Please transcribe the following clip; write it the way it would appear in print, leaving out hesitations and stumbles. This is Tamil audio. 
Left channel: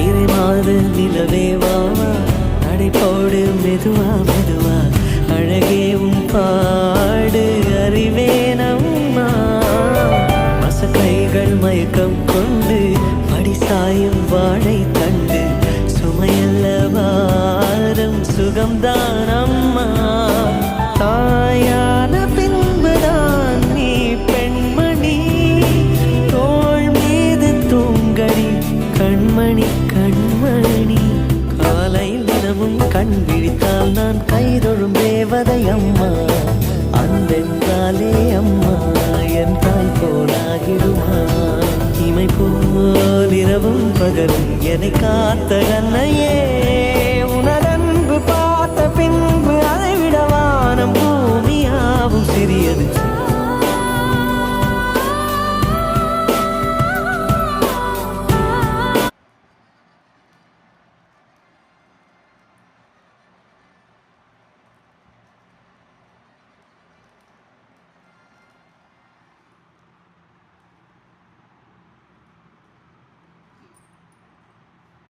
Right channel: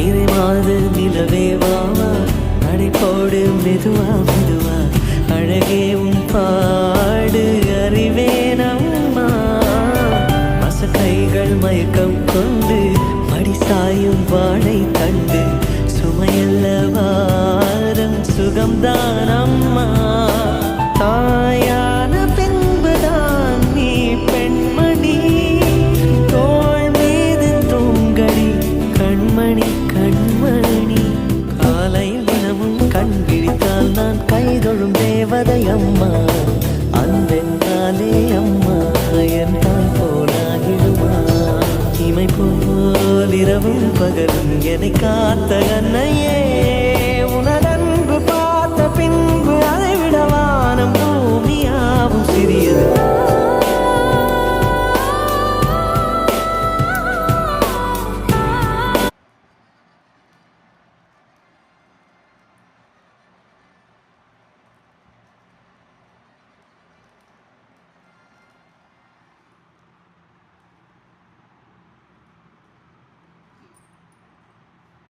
நிறைமாத நிலவே வாவா, நடைபோடு மெதுவா மெதுவா, அழகே உன் பாடு அறிவேனம்மா. மசக்கைகள் மயக்கம் கொண்டு மடிசாயும் வாழை தண்டு, சுமையல்ல வாரம் சுகம்தான் அம்மா. தாயான பின்புதான் நீ பெண்மணி, தோள் மீது தூங்கடி கண்மணி கண்மணி. காலையில் தினமும் கண் விழித்தால் நான் கைதொழும் தேவதை அம்மா. அன்பென்றாலே அம்மா என் தாய் போலாகிடுமா. இமை போல் இரவும் பகலும் என்னை காத்த கண்ணையே, உனதன்பு பார்த்த பின்பு அதை விட வானம் பூமியாவும் சிறியது.